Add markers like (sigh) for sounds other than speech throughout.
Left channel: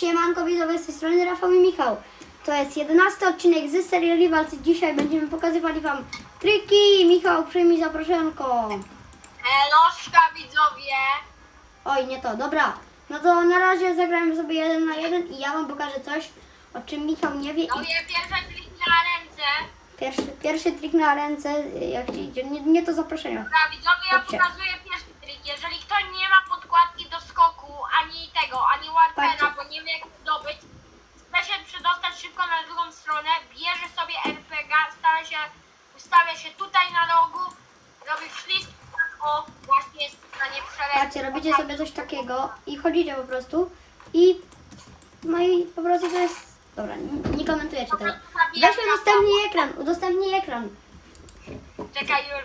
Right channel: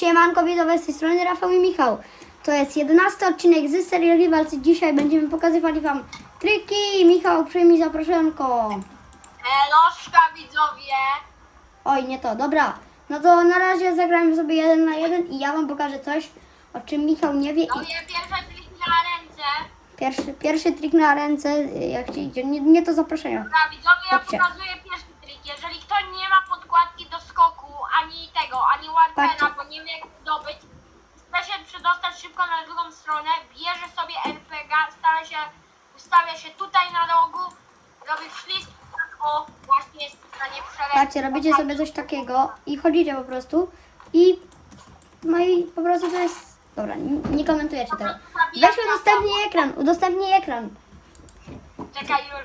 Siemanko widzowie, z tej strony Rafał i Michał. To jest 11 odcinek z serii Rivals. Dzisiaj będziemy pokazywać Wam triki. Michał, przyjmij zaproszonko. Eloszka widzowie! Oj, nie to, dobra. No to na razie zagrajmy sobie jeden na jeden i ja Wam pokażę coś, o czym Michał nie wie. No je pierwsze trik na ręce. Pierwszy, pierwszy trik na ręce, jak się idzie, nie, nie to zaproszenie. Dobra widzowie, ja Chodźcie. pokazuję pierwszy trik. Jeżeli ktoś nie ma podkładki do ani tego, ani warpera, Patrzcie. bo nie wie jak zdobyć, chce się przedostać szybko na drugą stronę, bierze sobie RPG, stawia się, ustawia się tutaj na rogu, robi ślizg, o, właśnie jest w stanie przelecieć. Patrzcie, robicie sobie coś takiego i chodzicie po prostu i no i po prostu to jest... Dobra, nie, nie komentujecie tego. Weź udostępnij ekran, udostępnij ekran. Czekaj już.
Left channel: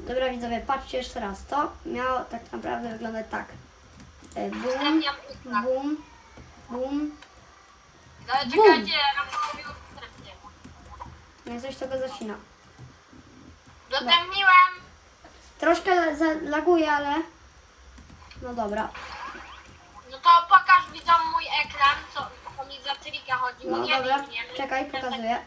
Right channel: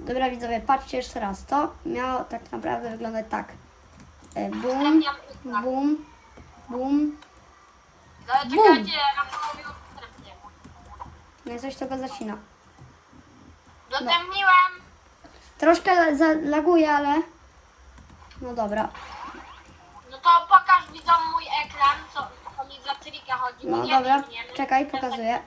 Dobra widzowie, patrzcie jeszcze raz. To miało tak naprawdę wyglądać tak. E, Bum, ekran. bum, bum. No ale czekajcie, Rafałowi udostępnię. No i coś tego zacina. Udostępniłem. Troszkę zalaguje, ale... No dobra. No to pokaż widzom mój ekran, co, co mi za trika chodziło. No nie dobra, wiem, nie czekaj, pokazuję.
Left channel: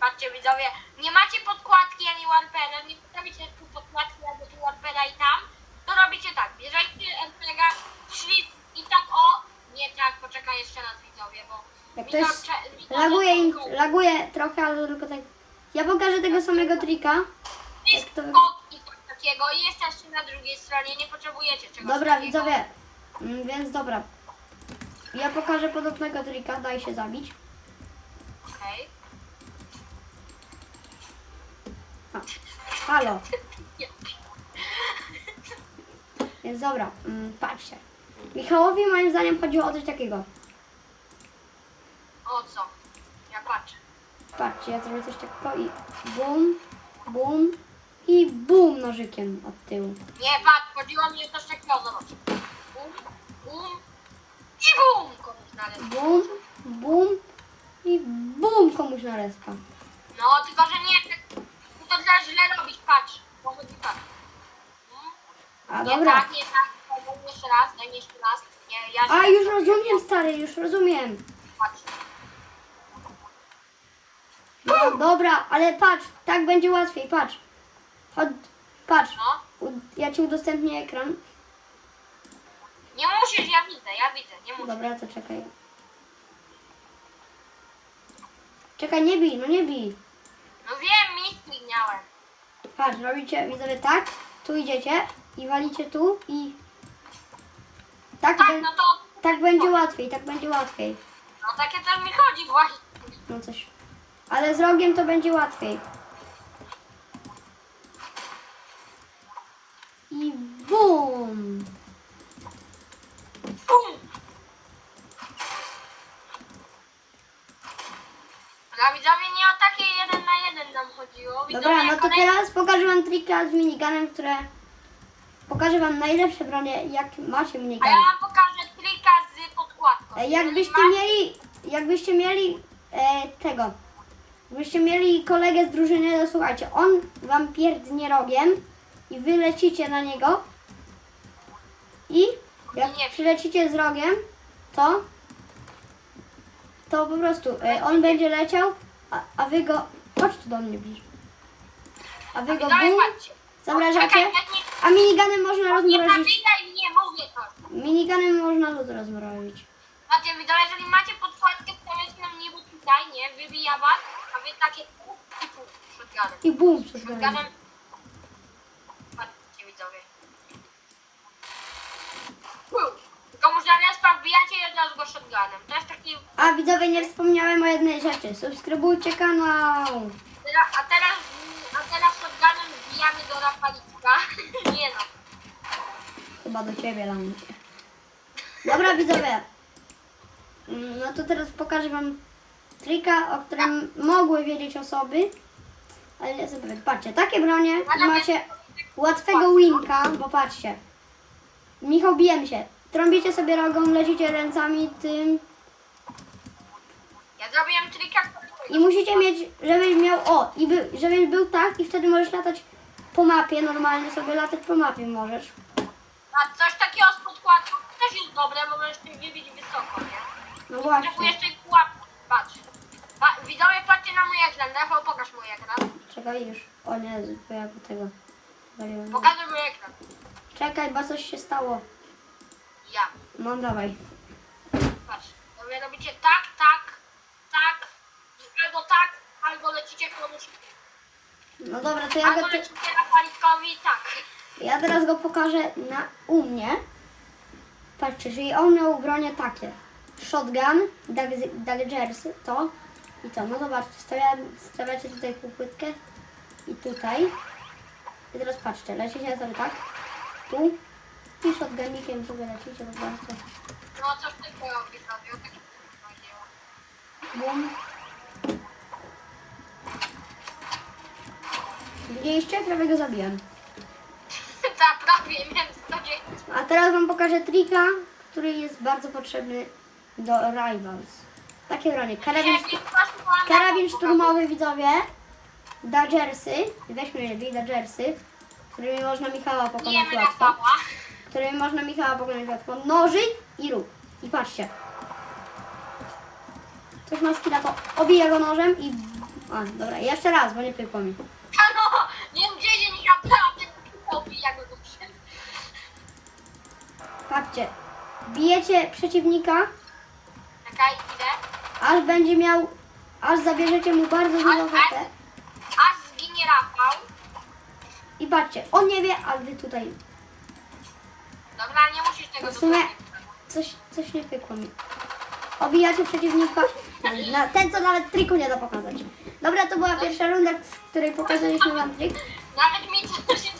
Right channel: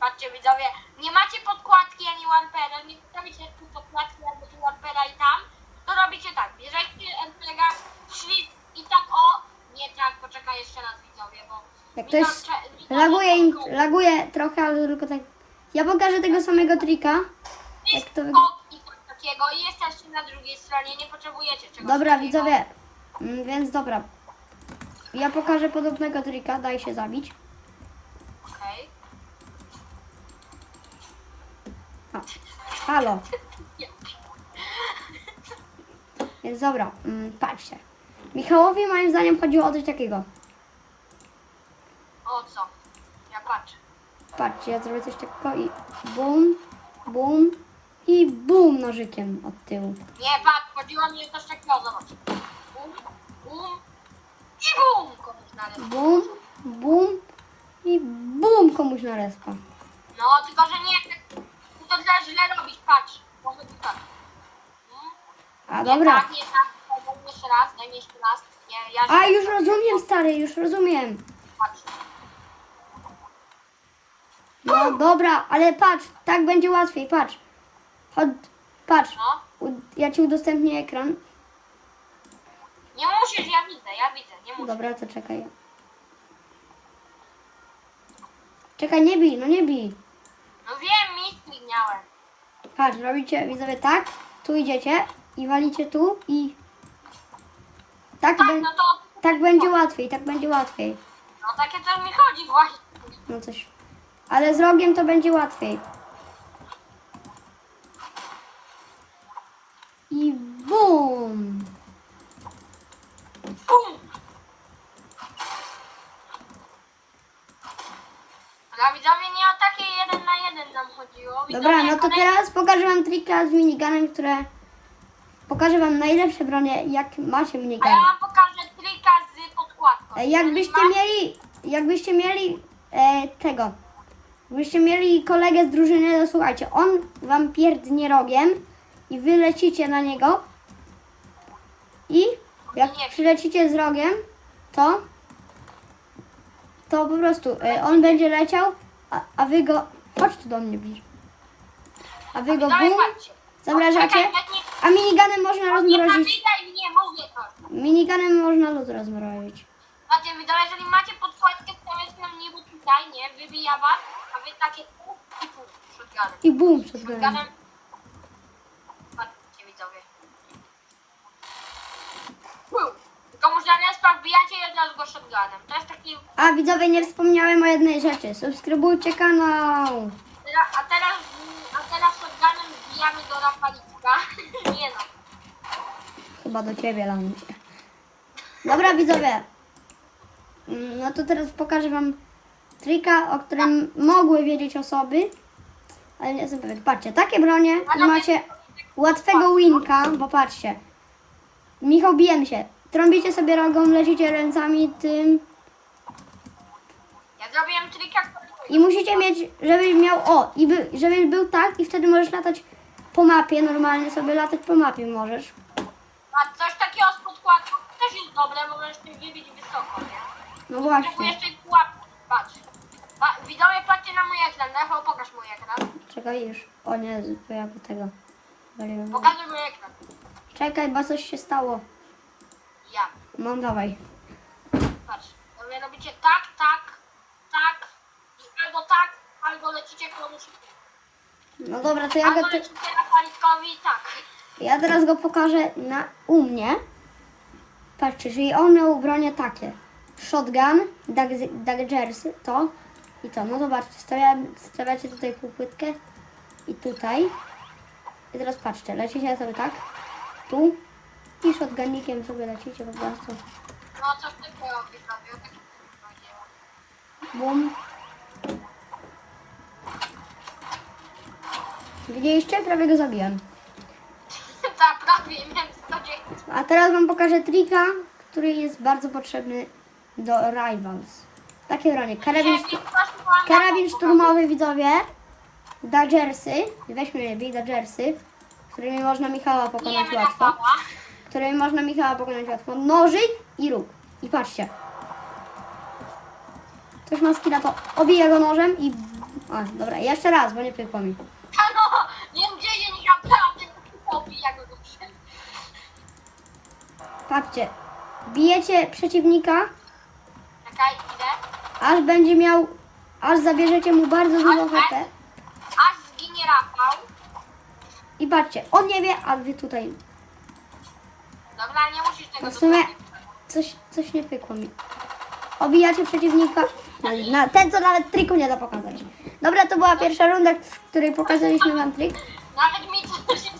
Patrzcie widzowie, nie macie podkładki ani OnePena, nie postawicie tu podkładki albo tu OnePena i tam, to robicie tak, bierzecie MPEGa, szli i tak o, nie tak, poczekaj jeszcze raz widzowie, bo Jak ktoś cze- laguje, im, laguje trochę, ale tylko tak... Ja pokażę tego samego trika. Jest jak to skok i coś takiego i jesteście na drugiej stronie, nie potrzebujecie czegoś Dobra takiego. widzowie, Mm, więc dobra. Ja pokażę podobnego trika, daj się zabić. Okej. Halo. (laughs) Dobra, mm, patrzcie. Michałowi moim zdaniem chodziło o coś takiego. O co? Ja patrzę. Patrzcie, ja zrobię coś takiego i bum, bum i bum nożykiem od tyłu. Nie, patrz, chodziło mi o coś takiego, zobacz. Bum, bum i bum! Komuś na ręce. Bum, bum i bum komuś na respa. No, tylko że nie, to trzeba źle robić, patrz. Może być tak. Mm, A Nie dobra. tak, nie tak, jeszcze raz, daj mi jeszcze raz. Nie, ja A już zrobiłem. rozumiem stary, już rozumiem. Patrz. No dobra, ale patrz, tak będzie łatwiej, patrz. Chodź, patrz, No, u- ja ci udostępnię ekran. nie musisz, ja widzę, ja widzę, nie musisz. Dobra, to czekaj. Czekaj, nie bij, no nie bij. No wiem, miski miałem. Patrz, robicie widzowie tak, tu idziecie i walicie tu i tak, Tak, no to, tak będzie łatwiej, tak będzie łatwiej. no takie to mi chodzi właśnie. No coś. Ale z rogiem to będzie łatwiej. I bum! Bum! Widzowie, nie o takie jeden na jeden nam chodziło. Widzowie, Dobra, no to kolejny- teraz pokażę wam trika z miniganem, które... Pokażę wam najlepsze bronie, jak macie A ja wam pokażę trika z podkładką. E, Jakbyście mieli, jakbyście mieli e, tego, jakbyście mieli kolegę z drużyny, to słuchajcie, on wam pierdnie rogiem i wy lecicie na niego i jak Nie. przylecicie z rogiem, to to po prostu e, on będzie leciał, a, a wy go, chodź tu do mnie bliżej, a wy go bum, patrzcie. Zamrażacie, a miniganem można nie rozmrozić, zabijaj mnie, mówię to. miniganem można lód rozmrozić. Patrzcie, widzowie, jeżeli macie podkładkę, stawiać nam niebo tutaj, nie? Wybija was, a wy takie pół i shotgunem. I bum. Shotgunem. Patrzcie, widzowie. Respa wbijacie go shotgunem. To jest taki... A widzowie, nie wspomniałem o jednej rzeczy. Subskrybujcie kanał. Teraz- A teraz, a teraz shotgunem do Rafalika. (laughs) Nie no. Chyba do ciebie, Lamusie. Dobra widzowie. Mm, No to teraz pokażę wam trika, o którym mogły wiedzieć osoby. Ale nie pewien. Patrzcie, takie bronie i macie łatwego winka, bo patrzcie. Michał, bijemy się. Trąbicie sobie rogą, lecicie ręcami tym Ja zrobiłem trika, i musicie mieć, żeby miał, o, i by, żeby był tak i wtedy możesz latać po mapie, normalnie sobie latać po mapie możesz. a coś takiego z podkładką też jest dobre, bo możesz się wybić wysoko, nie? No właśnie. jeszcze pułapka. Patrz. Pa, widzowie, patrzcie na mój ekran. Rafał, pokaż mój ekran. Czekaj już. O nie, pojawił tego. Pokażę mój ekran. Czekaj, bo coś się stało. Ja. No dawaj. Patrz. Wy robicie tak, tak, tak. Albo tak, albo lecicie komuś. No dobra, to ja Albo go, te, lecicie Rafalikowi tak. ja teraz go pokażę na u mnie. Patrzcie, czyli on miał bronię takie. Shotgun, Dag- Daggersy, to i to. No zobaczcie, stawia, stawiacie tutaj półpłytkę i tutaj. I teraz patrzcie, lecicie sobie tak, tu i shotgunnikiem sobie lecicie po prostu. No coś tylko robi sobie. Tak powiedziała. Bum. Widzieliście? Prawie go zabiłem. (laughs) Tak, prawie, 110. A teraz wam pokażę trika, który jest bardzo potrzebny do Rivals. Takie bronie. Karabin, mam karabin szturmowy, widzowie. Dodgersy. Weźmy lepiej Dodgersy. Którymi można Michała pokonać łatwo. Którymi można Michała pokonać łatwo. Nożyk i róg. I patrzcie. Ktoś ma skilla, to obija go nożem i... A, dobra, jeszcze raz, bo nie pykło mi. Halo, Patrzcie. Bijecie przeciwnika, Czekaj, idę. aż będzie miał... Aż zabierzecie mu bardzo dużo HP. Aż zginie Rafał. I patrzcie, on nie wie, a wy tutaj Dobra, nie musisz tego W sumie- dokładnie coś, coś nie pykło mi. Obijacie przeciwnika. Na, ten, co nawet triku nie da pokazać. Dobra, to była pierwsza runda, w której pokazaliśmy wam trik. Nawet mi to się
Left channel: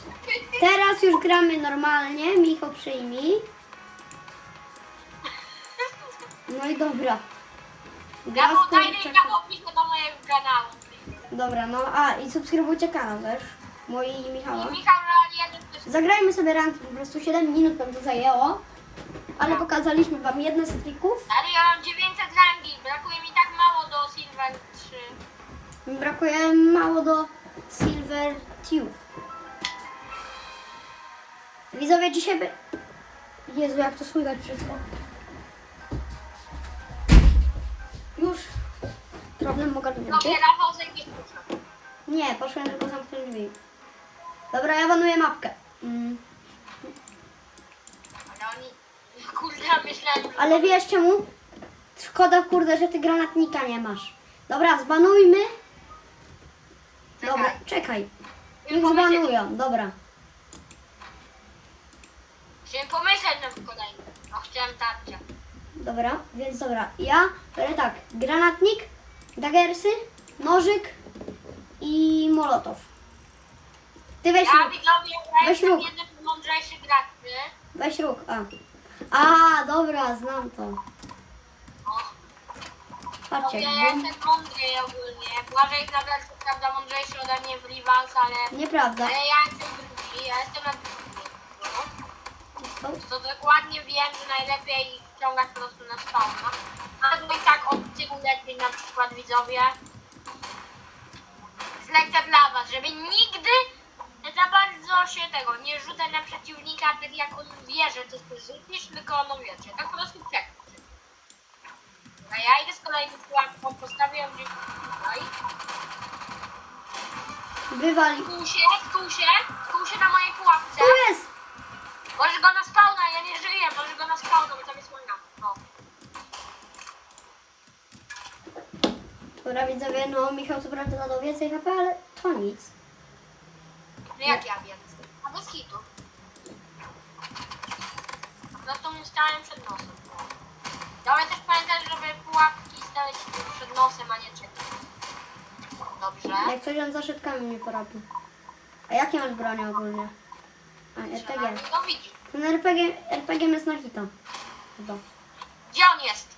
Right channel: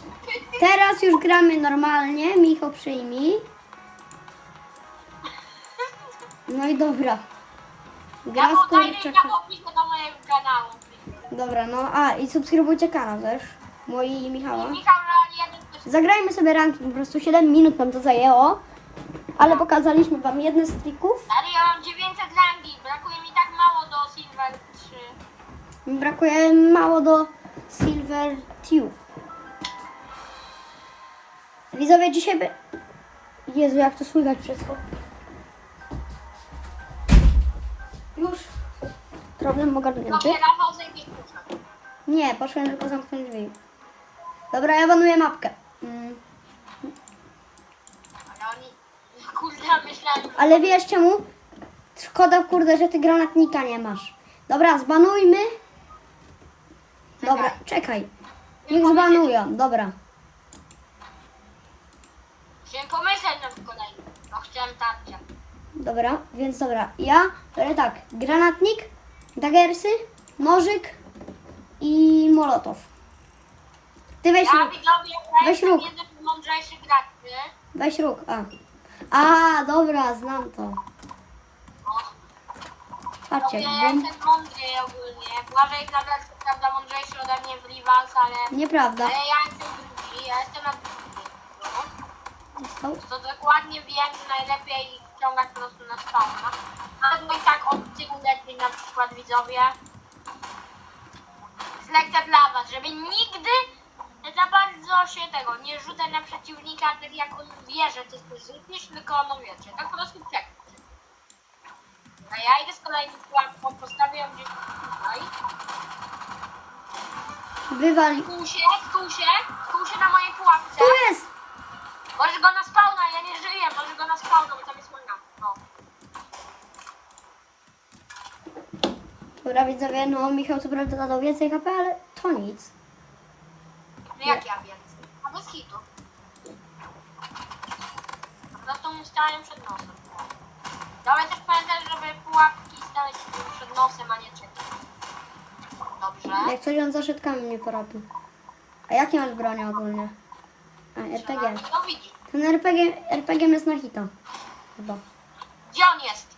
Teraz już gramy normalnie. Micho przyjmij. No i dobra. Ja Gra z podaję kurczakiem. ja opiszę do mojego kanału. Dobra, no a i subskrybujcie kanał też. Mój i Michała. I Michał też Zagrajmy sobie ranking, po prostu 7 minut nam to zajęło. Ale pokazaliśmy wam jedne z trików. Ale ja mam 900 rangi, brakuje mi tak mało do Silver 3. Brakuje mało do Silver Tube. Widzowie, dzisiaj by... Jezu, jak to słychać wszystko. Problem ogarnięty. Dobrze, Rafał klucze. Nie, poszłem tylko zamknąć drzwi. Dobra, ja banuję mapkę. Mm. Ale oni... Kurde, myślałem... Ale wiesz czemu? Szkoda, kurde, że ty granatnika nie masz. Dobra, zbanujmy. Dobra, czekaj. Niech zbanują, dobra. Chciałem pomyśleć na kolejny. No chciałem tarczę. Dobra, więc dobra. Ja biorę tak, granatnik, dagersy, nożyk i molotow. Ty weź Ja róg, widzowie, ja Weź jestem róg. jeden z mądrzejszych graczy. weź róg, a. A, dobra, znam to. Patrzcie, Mówię, ja jestem mądry ogólnie. Błażej Knaber, co prawda mądrzejszy ode mnie w Rivals, ale... Nieprawda. Ale ja jestem drugi, ja jestem na drugim. No. To dokładnie wiem, że najlepiej ściągać po prostu na spawna. Albo i tak od tyłu lepiej na przykład widzowie. Lekcja dla was, żeby nigdy za bardzo się tego nie rzucać na przeciwnika, tak jak on wie, że ty coś rzucisz, tylko on wiecie, tak po prostu czekać. A ja idę z kolejną pułapką, postawię ją gdzieś tutaj. wywali. Tu się, tu się, tu się na mojej pułapce. Tu jest! Możesz go na spawna, ja nie żyję, możesz go na spawna, bo tam jest moja. No. Dobra, widzowie, no Michał co prawda dodał więcej HP, ale to nic. No jak ja wiem? A bez hitu. No to mu stałem przed nosem. No ale też pamiętaj, żeby pułapki stać przed nosem, a nie czekać. Dobrze. Jak coś on za szytkami mnie porobi. A jakie masz broń ogólnie? A, RPG. No widzisz. Ten RPG, RPG jest na hito. Chyba. Gdzie on jest?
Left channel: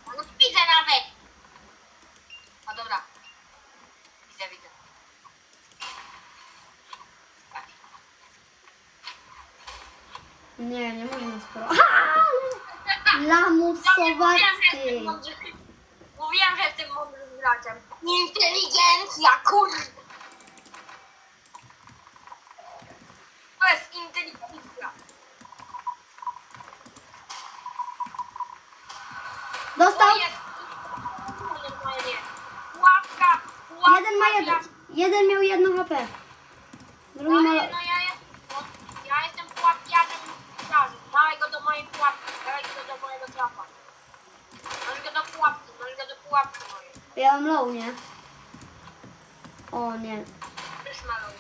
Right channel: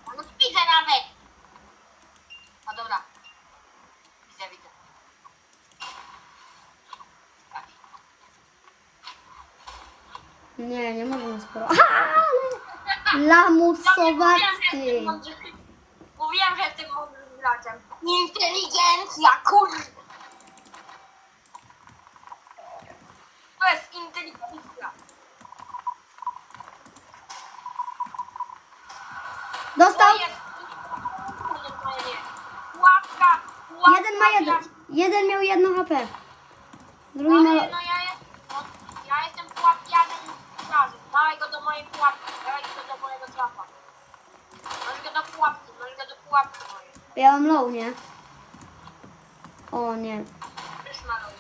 Nie, nie można spać. Lamus słowacki. Mówiłem, że tym mądrym graczem. Inteligencja, kurwa. To jest inteligencja. Dostał. To jest- to jest- Łapka, łapka, Jeden ma jeden. Jeden miał jedno HP. Drugi miał... No trapa. Masz go do pułapki, masz go do pułapki mojej. Ja mam low, nie? O nie. Też maluję.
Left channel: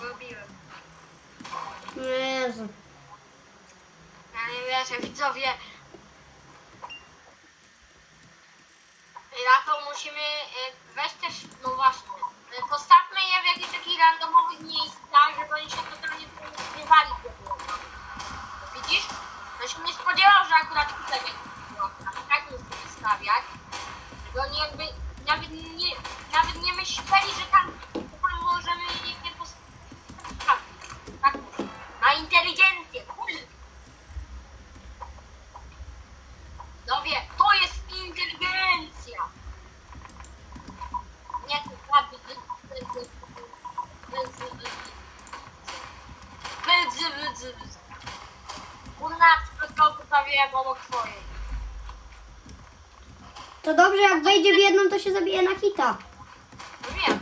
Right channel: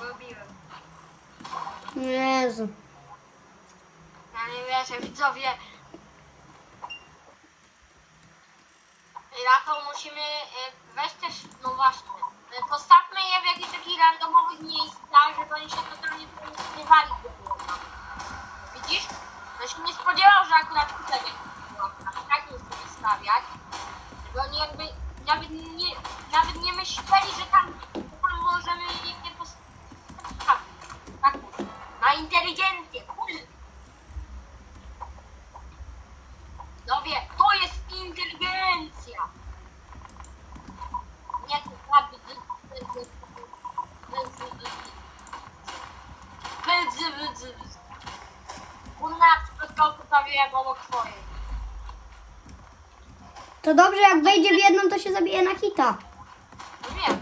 Robiłem. Jezu. Ja nie wierzę, widzowie. To musimy y, weź też, no właśnie, y, postawmy je w jakichś takich randomowych miejscach, żeby oni się totalnie tutaj nie spodziewali tego. Widzisz? No się nie spodziewał, że akurat tutaj będzie pułapka. I tak nie chcę stawiać. Żeby oni jakby nawet nie, nawet nie myśleli, że tam, że tam możemy je nie postawić. Tak mówię. Na inteligencję, kurde. No wie, to jest inteligencja. Nie, to ładnie. Kurna, tylko postawiłem obok twojej. To dobrze, jak wejdzie w jedną, to się zabije na hita. No wiem.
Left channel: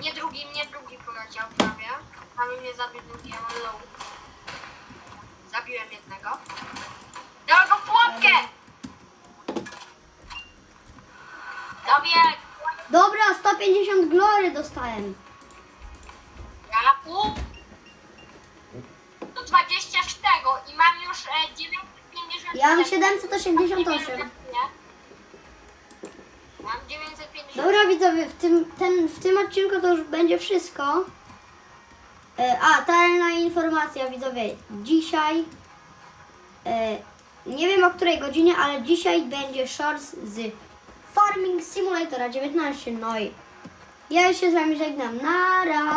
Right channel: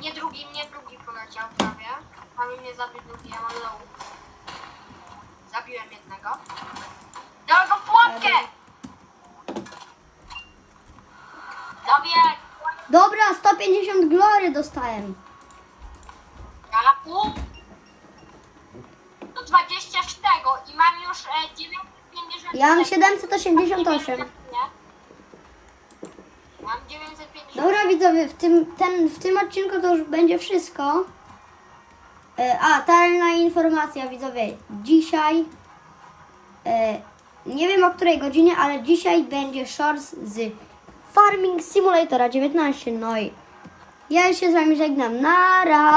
Nie drugi, nie drugi poleciał prawie. Prawie mnie zabił drugi, ja mam low. Zabiłem jednego. Dałem go w pułapkę! Dobra, 150 glory dostałem. Ja pół. Do 20 z tego i mam już e, 950. Ja mam 788. Mam 950. Dobra widzowie, w tym, ten, w tym odcinku to już będzie wszystko. E, A, tajna informacja widzowie. Dzisiaj, e, nie wiem o której godzinie, ale dzisiaj będzie shorts z Farming Simulatora 19. No i ja się z wami żegnam. Nara!